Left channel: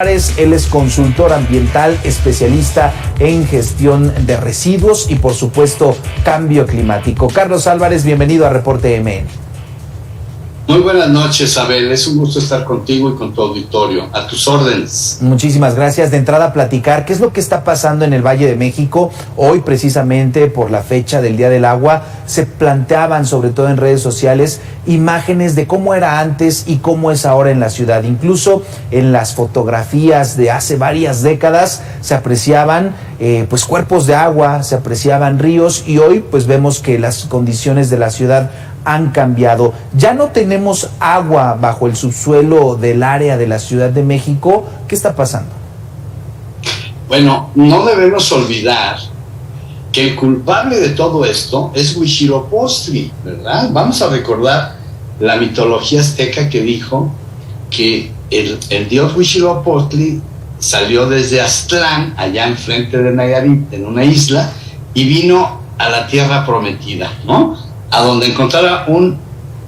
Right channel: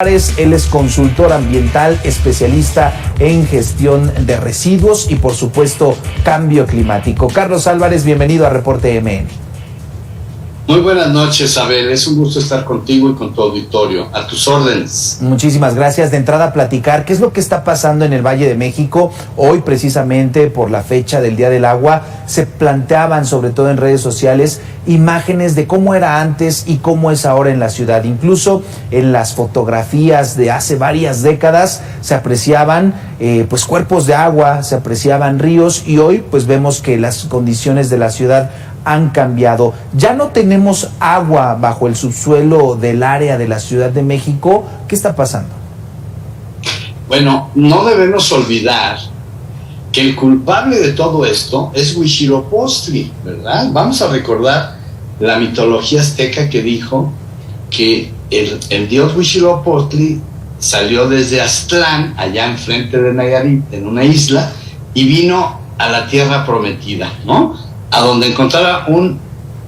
Él es consultor ambiental, especialista en gestión de residuos y, por supuesto, cambio climático. Carlos Álvarez, bienvenido a Reporte MN. Muy buenas noches, Abel. Es un gusto estar contigo y con tu auditorio. A tus órdenes. Muchísimas gracias. De entrada, platicar qué es lo que está pasando en el Valle de México. Hoy, precisamente por la fecha del Día del Agua, se planteaban, sobre todo en redes sociales, imágenes de cómo era antes y cómo es ahora en la ciudad. Incluso en las fotografías de hace varias décadas se apreciaban pues cuerpos de agua, se apreciaban ríos, y hoy pues vemos que las condiciones de la ciudad han cambiado. Ya no tenemos agua bajo el subsuelo del área de la Ciudad de México. ¿Qué está pasando? Bueno, no debemos olvidar que el culpable de todo esto es Huitzilopochtli, ¿verdad? Vamos a recordar la mitología azteca que dijo que el dios Huitzilopochtli salió desde Aztlán, allá enfrente de Nayarit, en una isla, y vino a la tierra prometida, ¿no? A donde encontrara un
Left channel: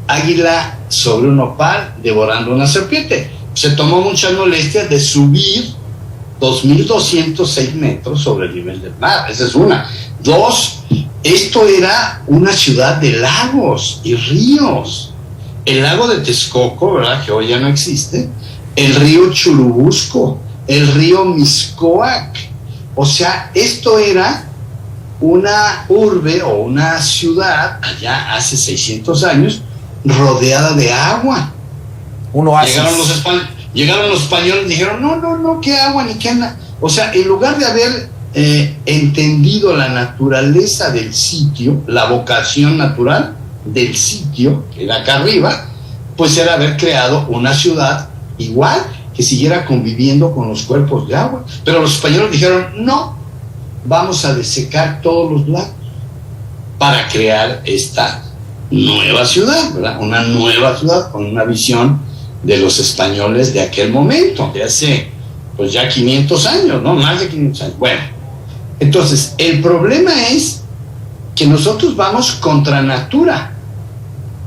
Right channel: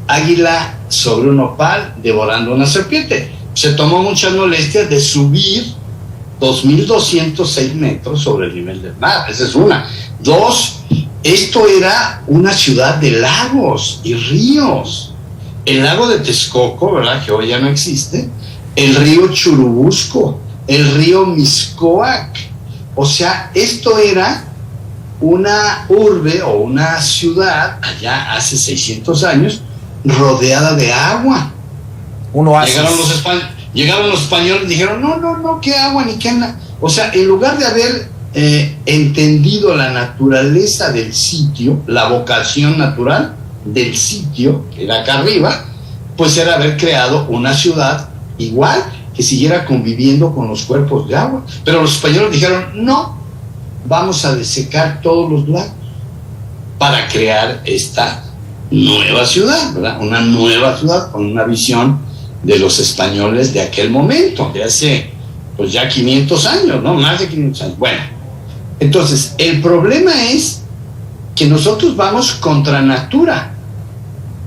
águila sobre un nopal devorando una serpiente. Se tomó mucha molestia de subir 2.206 metros sobre el nivel del mar. Esa es una. Dos, esto era una ciudad de lagos y ríos. El lago de Texcoco, ¿verdad?, que hoy ya no existe. El río Churubusco, el río Mixcoac. O sea, esto era una urbe o una ciudad allá hace 600 años rodeada de agua. Un oasis. Llegaron los españoles y dijeron, no, qué agua ni qué nada. O sea, en lugar de haber entendido la naturaleza del sitio, la vocación natural del sitio, que era acá arriba, pues era haber creado una ciudad igual, que siguiera conviviendo con los cuerpos de agua. Pero los españoles dijeron, no, vamos a desecar todos los lagos para crear esta nueva ciudad, ¿verdad? Una nueva ciudad con una visión de los españoles de aquel momento, de hace pues ya 500 años, ¿no? Más de 500 años. Bueno, entonces el problema es que nosotros vamos contra natura,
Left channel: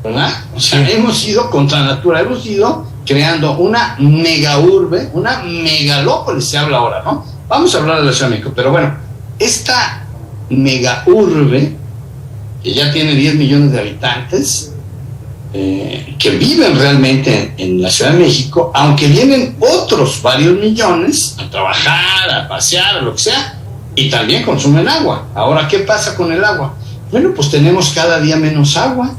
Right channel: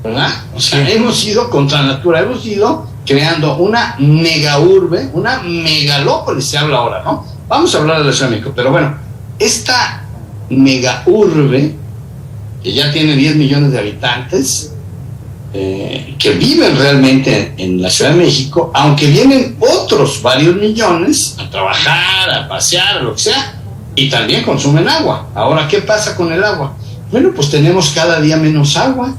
¿verdad? O sea, hemos ido contra natura, hemos ido creando una mega urbe, una megalópolis, se habla ahora, ¿no? Vamos a hablar de la Ciudad de México, pero bueno, esta mega urbe, que ya tiene 10 millones de habitantes, que viven realmente en la Ciudad de México, aunque vienen otros varios millones a trabajar, a pasear, a lo que sea, y también consumen agua. Ahora, ¿qué pasa con el agua? Bueno, pues tenemos cada día menos agua,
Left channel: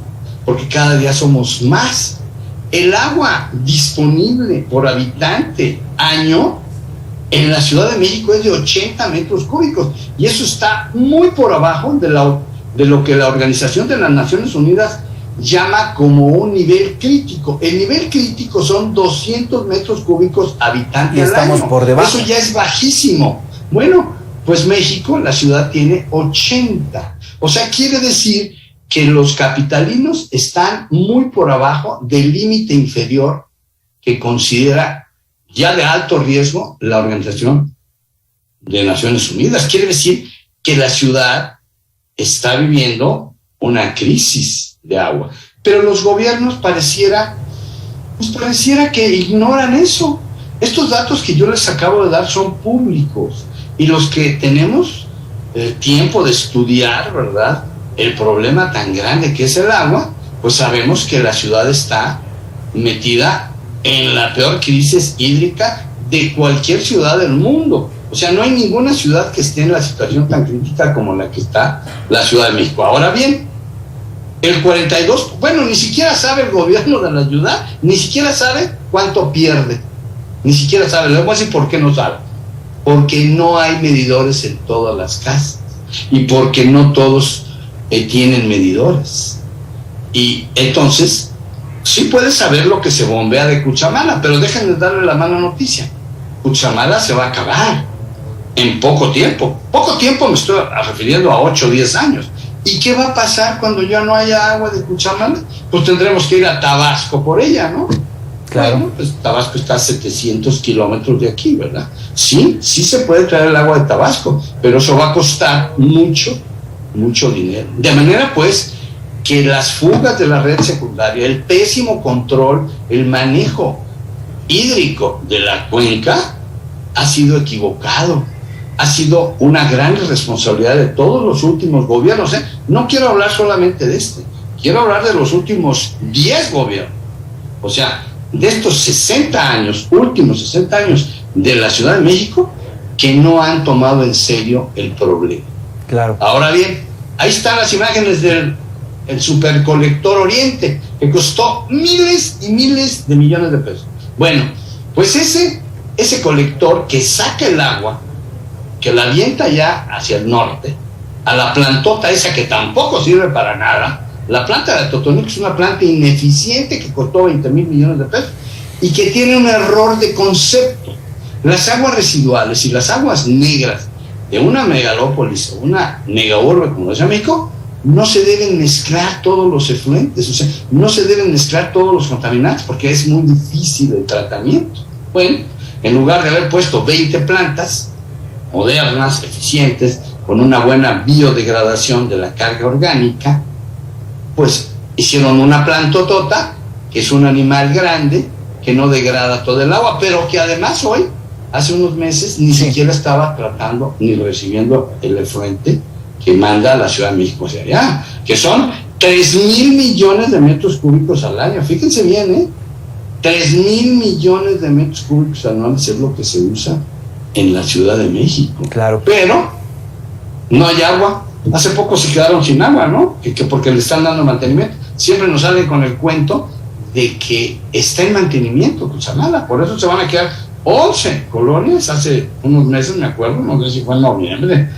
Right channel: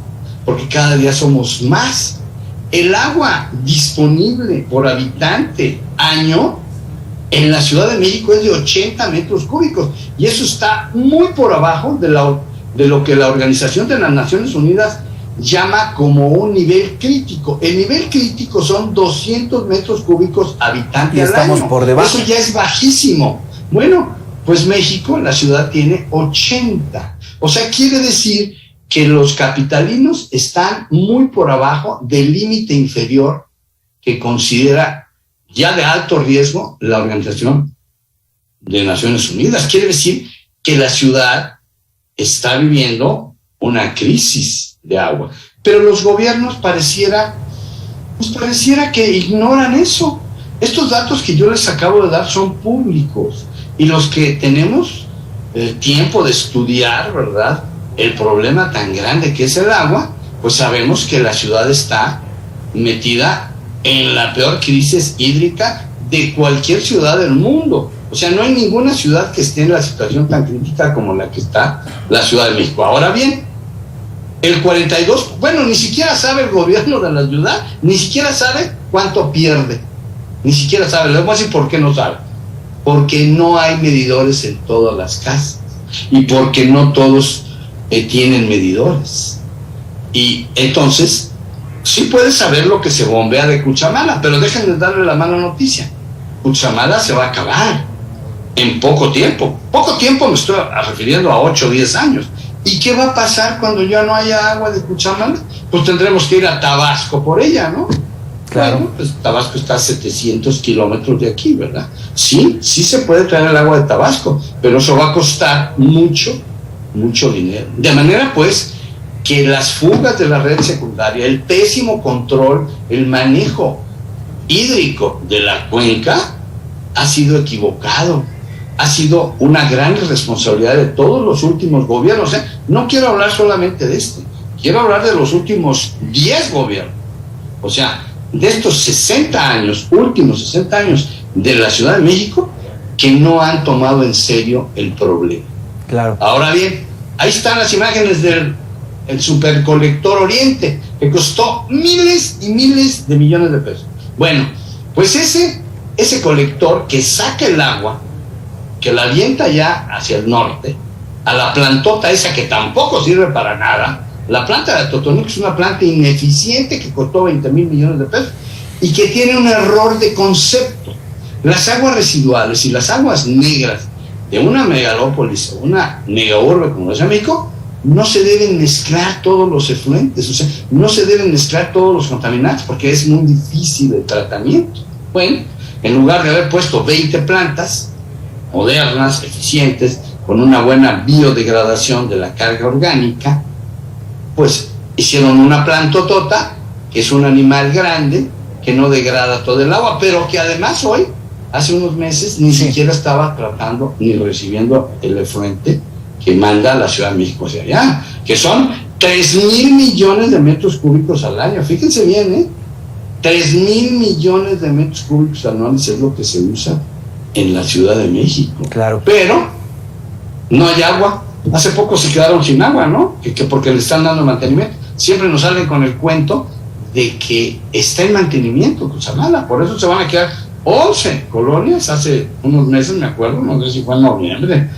porque cada día somos más. El agua disponible por habitante año en la Ciudad de México es de 80 metros cúbicos, y eso está muy por abajo de lo que la Organización de las Naciones Unidas llama como un nivel crítico. El nivel crítico son 200 metros cúbicos habitante al estamos año. Por debajo. Eso ya es bajísimo. Bueno, pues México, la ciudad, tiene 80. O sea, quiere decir que los capitalinos están muy por abajo del límite inferior que considera ya de alto riesgo la Organización de Naciones Unidas. Quiere decir que la ciudad está viviendo una crisis de agua. Pero los gobiernos pareciera que ignoran eso. Estos datos que yo les acabo de dar son públicos, y los que tenemos el tiempo de estudiar, ¿verdad?, el problema tan grande que es el agua, pues sabemos que la ciudad está metida en la peor crisis hídrica de cualquier ciudad del mundo. O sea, no hay ninguna ciudad que esté en la situación tan crítica como la que está la Ciudad de México. Ahora bien, el 42, bueno, ni siquiera sabe el gobierno de la ciudad, ni siquiera sabe cuánto pierde, ni siquiera sabe. Le voy a decir por qué no sabe. Porque no hay medidores en todas las casas, y porque no todos tienen medidores. Y entonces sí puedes saber lo que se bombea de Cuchamala, pero dejen de darle la mala noticia. Cuchamala se va a acabar en poco tiempo. Poco tiempo me estoy refiriendo a 8 o 10 años. ¿Y qué va a pasar cuando ya no haya agua de Cuchamala? Pues tendremos que ir a Tabasco por ella, ¿no? Claro. Bueno, pues Tabasco está a 700 kilómetros de aquí, ¿verdad? Sí se puede traer el agua de Tabasco, pero eso va a costar mucho dinero. De manera, pues, que las fugas de la red secundaria, el pésimo control, el manejo hídrico de la cuenca, ha sido equivocado, ha sido una gran responsabilidad de todos los últimos gobiernos. No quiero hablar solamente de este, quiero hablar de los últimos 10 gobiernos. O sea, de estos 60 años, últimos 60 años de la Ciudad de México, que no han tomado en serio el problema. Claro. Ahora bien, ahí están las imágenes del supercolector Oriente, que costó miles y miles de millones de pesos. Bueno, pues ese colector que saca el agua, que la avienta ya hacia el norte, a la plantota esa que tampoco sirve para nada. La planta de Atotonilco es una planta ineficiente que costó 20 mil millones de pesos y que tiene un error de concepto. Las aguas residuales y las aguas negras de una megalópolis o una megaurbe como es México no se deben mezclar todos los efluentes, o sea, no se deben mezclar todos los contaminantes porque es muy difícil el tratamiento. Bueno, en lugar de haber puesto 20 plantas modernas, eficientes, con una buena biodegradación de la carga orgánica, pues hicieron una plantotota, que es un animal grande, que no degrada todo el agua, pero que además hoy, hace unos meses, ni siquiera estaba tratando ni recibiendo el efluente que manda a la Ciudad de México hacia allá, que son 3,000 millones de metros cúbicos al año. Fíjense bien, 3,000 millones de metros cúbicos anuales es lo que se usa en la Ciudad de México. Claro. Pero no hay agua. Hace poco se quedaron sin agua, ¿no? Que porque le están dando mantenimiento. Siempre nos salen con el cuento de que está en mantenimiento Cutzamala. Por eso se van a quedar 11 colonias. Hace unos meses, me acuerdo, no sé si fue en noviembre,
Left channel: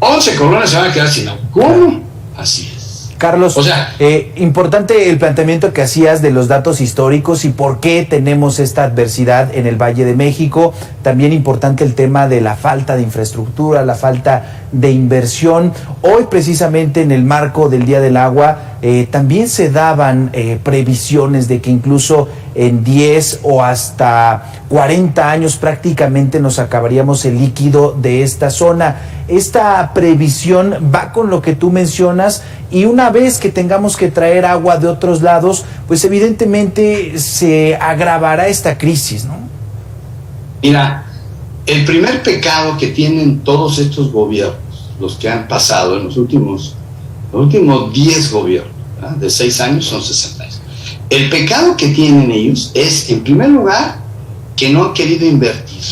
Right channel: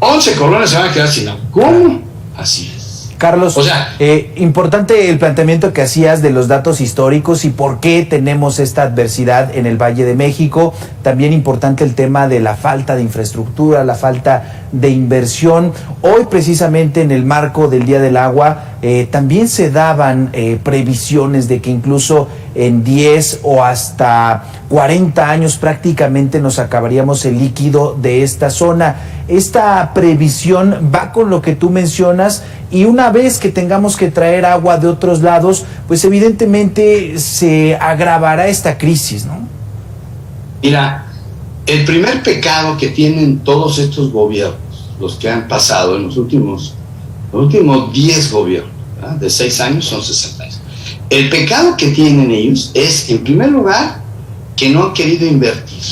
11 colonias se van a quedar sin agua. ¿Cómo? Así es. Carlos, o sea, importante el planteamiento que hacías de los datos históricos y por qué tenemos esta adversidad en el Valle de México. También importante el tema de la falta de infraestructura, la falta de inversión. Hoy, precisamente en el marco del Día del Agua, también se daban previsiones de que incluso en 10 o hasta 40 años prácticamente nos acabaríamos el líquido de esta zona. Esta previsión va con lo que tú mencionas, y una vez que tengamos que traer agua de otros lados, pues evidentemente se agravará esta crisis, ¿no? Mira, el primer pecado que tienen todos estos gobiernos, los que han pasado en los últimos 10 gobiernos, ¿verdad? De 6 años son 60 años. El pecado que tienen ellos es, en primer lugar, que no han querido invertir.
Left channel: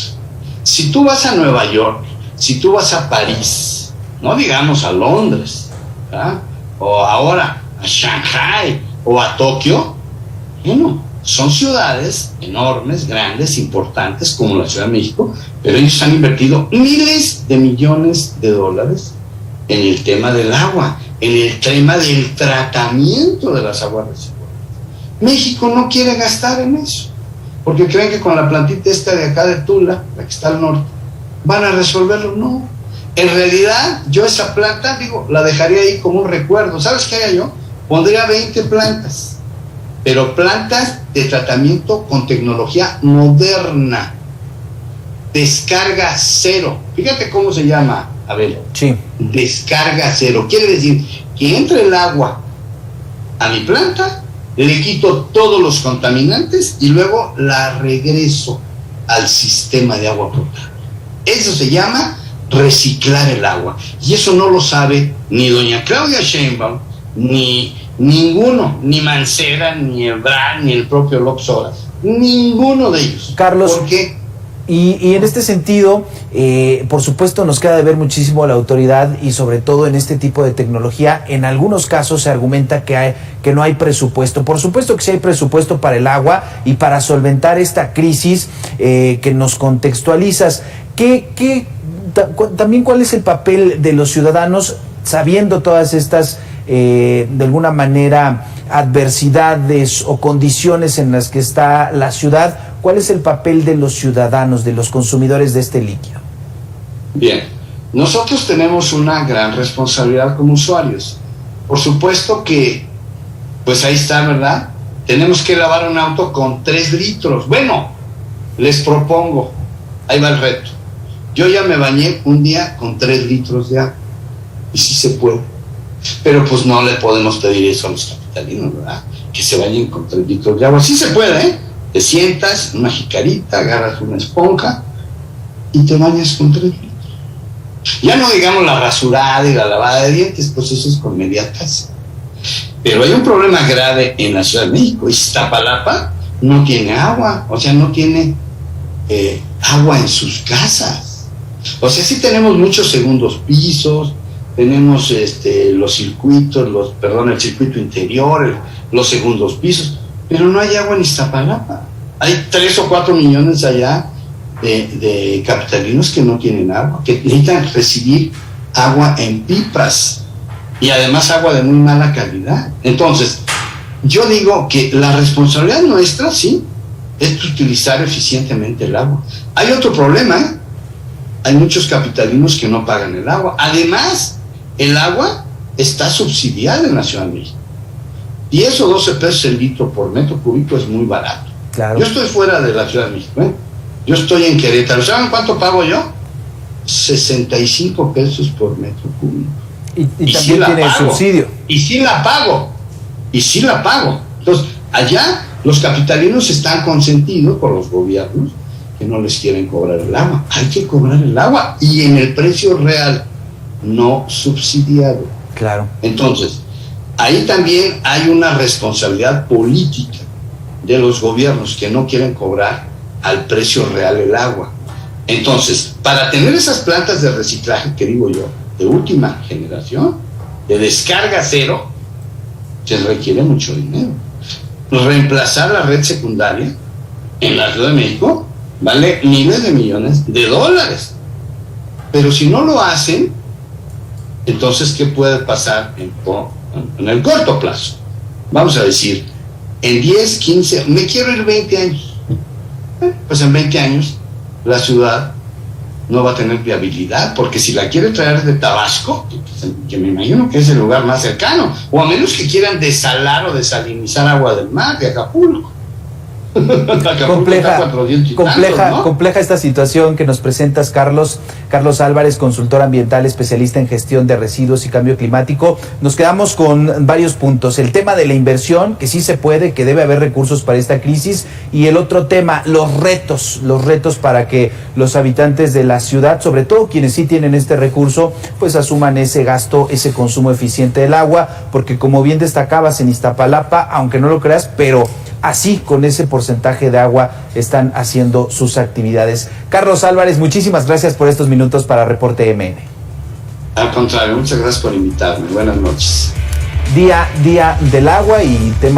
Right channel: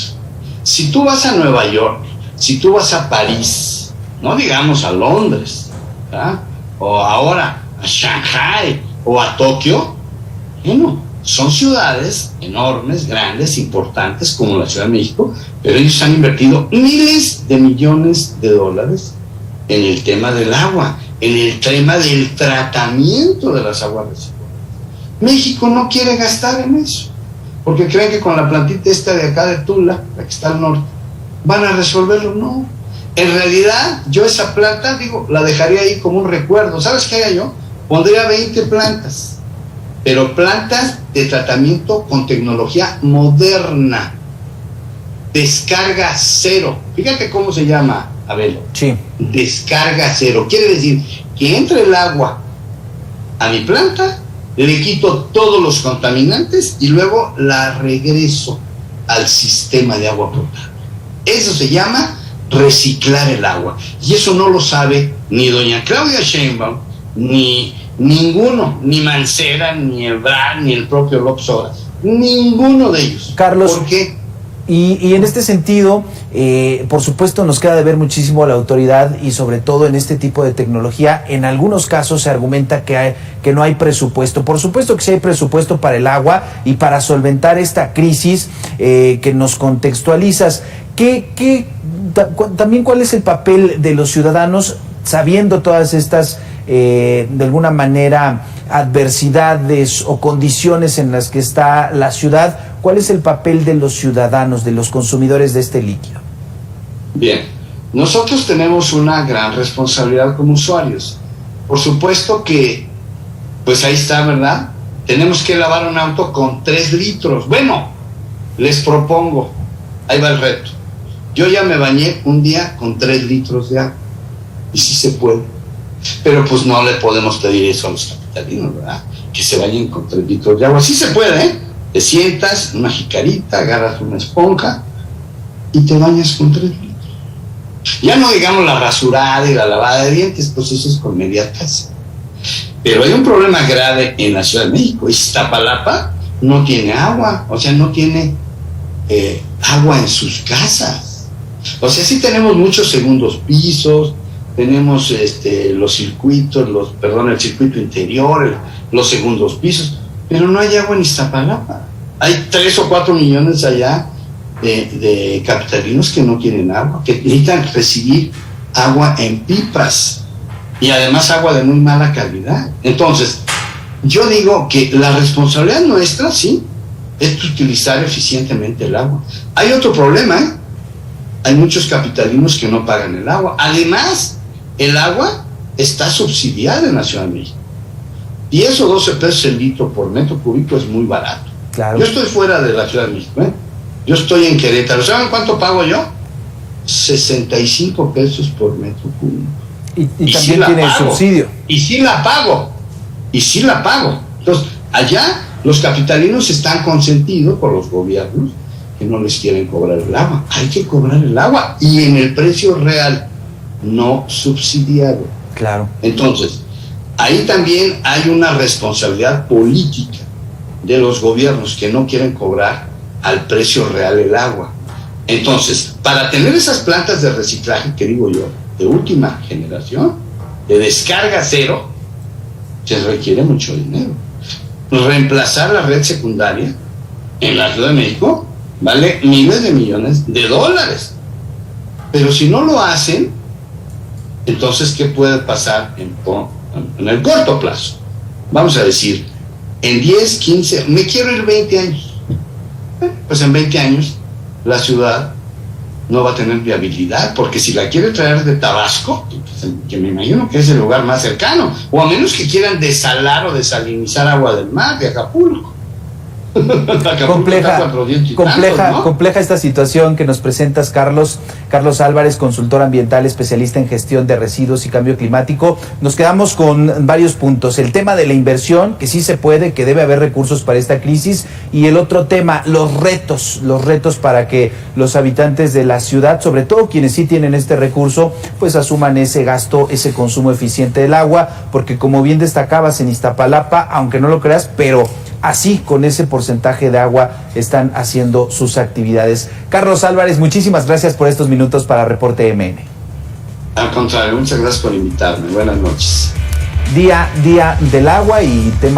Si tú vas a Nueva York, si tú vas a París, no digamos a Londres, ¿verdad? O ahora a Shanghai o a Tokio, bueno, son ciudades enormes, grandes, importantes como la Ciudad de México, pero ellos han invertido miles de millones de dólares en el tema del agua, en el tema del tratamiento de las aguas residuales. México no quiere gastar en eso, porque creen que con la plantita esta de acá de Tula, la que está al norte, van a resolverlo. No, en realidad yo esa planta, la dejaría ahí como un recuerdo. ¿Sabes qué haría yo? Pondría 20 plantas, pero plantas de tratamiento con tecnología moderna, descarga cero. Fíjate cómo se llama, Abel. Sí. Descarga cero. Quiere decir que entre el agua a mi planta, le quito todos los contaminantes y luego la regreso al sistema de agua potable. Eso se llama reciclar el agua. Y eso no lo sabe ni doña Claudia Sheinbaum, ni ninguno, ni Mancera, ni Ebrard, ni el propio López Obrador. Ninguno de ellos. Carlos, ¿por qué? Y en este sentido, por supuesto, nos queda de ver muchísimo a la autoridad, y sobre todo en este tipo de tecnología. En algunos casos se argumenta que no hay presupuesto. Por supuesto que sí hay presupuesto para el agua y para solventar esta crisis que nos contextualizas. También cuál es el papel de los ciudadanos, sabiendo todas estas, de alguna manera, adversidades o condiciones en las que está la ciudad? ¿Cuál es el papel de los ciudadanos, de los consumidores de este líquido? Bien, nosotros tenemos una gran responsabilidad como usuarios. Por supuesto que, pues ahí está, ¿verdad? Tenemos que lavar un auto con 3 litros. Bueno, les propongo, ahí va el reto. Yo ya me bañé un día con 3 litros de agua, y sí se puede. Pero pues no le podemos pedir eso a los capitalinos, ¿verdad? Que se bañen con 3 litros de agua. Sí se puede, ¿eh? Te sientas, una jicarita, agarras una esponja y te bañas con 3 litros. Ya no digamos la rasurada y la lavada de dientes, pues eso es con media taza. Pero hay un problema grave en la Ciudad de México. Iztapalapa no tiene agua, o sea, no tiene agua en sus casas. O sea, sí tenemos muchos segundos pisos, tenemos los circuitos, el circuito interior, los segundos pisos, pero no hay agua en Iztapalapa. Hay 3 o 4 millones allá de capitalinos que no tienen agua, que necesitan recibir agua en pipas y además agua de muy mala calidad. Entonces, yo digo que la responsabilidad nuestra, sí, es utilizar eficientemente el agua. Hay otro problema, ¿eh? Hay muchos capitalinos que no pagan el agua. Además, el agua está subsidiada en la Ciudad de México. 10 o 12 pesos el litro por metro cúbico es muy barato. Claro. Yo estoy fuera de la Ciudad de México, ¿eh? Yo estoy en Querétaro. ¿Saben cuánto pago yo? 65 pesos por metro cúbico. Y también sí tiene el subsidio. Y sí la pago. Entonces, allá los capitalinos están consentidos por los gobiernos que no les quieren cobrar el agua. Hay que cobrar el agua y en el precio real, no subsidiado. Claro. Entonces, ahí también hay una responsabilidad política de los gobiernos que no quieren cobrar al precio real el agua. Entonces, para tener esas plantas de reciclaje, que digo yo, de última generación, de descarga cero, se requiere mucho dinero. Reemplazar la red secundaria en la Ciudad de México vale miles de millones de dólares. Pero si no lo hacen, entonces, ¿qué puede pasar en el corto plazo? Vamos a decir, en 10, 15, me quiero ir 20 años. Pues en 20 años la ciudad no va a tener viabilidad, porque si la quiere traer de Tabasco, que me imagino que es el lugar más cercano, o a menos que quieran desalar o desalinizar agua del mar de Acapulco. Compleja esta situación que nos presentas, Carlos Álvarez, consultor ambiental, especialista en gestión de residuos y cambio climático. Nos quedamos con varios puntos: el tema de la inversión, que sí se puede, que debe haber recursos para esta crisis, y el otro tema, los retos para que los habitantes de la ciudad, sobre todo quienes sí tienen este recurso, pues asuman ese gasto, ese consumo eficiente del agua, porque como bien destacabas, en Iztapalapa, aunque no lo creas, pero así, con ese porcentaje de agua, están haciendo sus actividades. Carlos Álvarez, muchísimas gracias por estos minutos para Reporte MN. Al contrario, muchas gracias por invitarme. Buenas noches. Día del agua y tema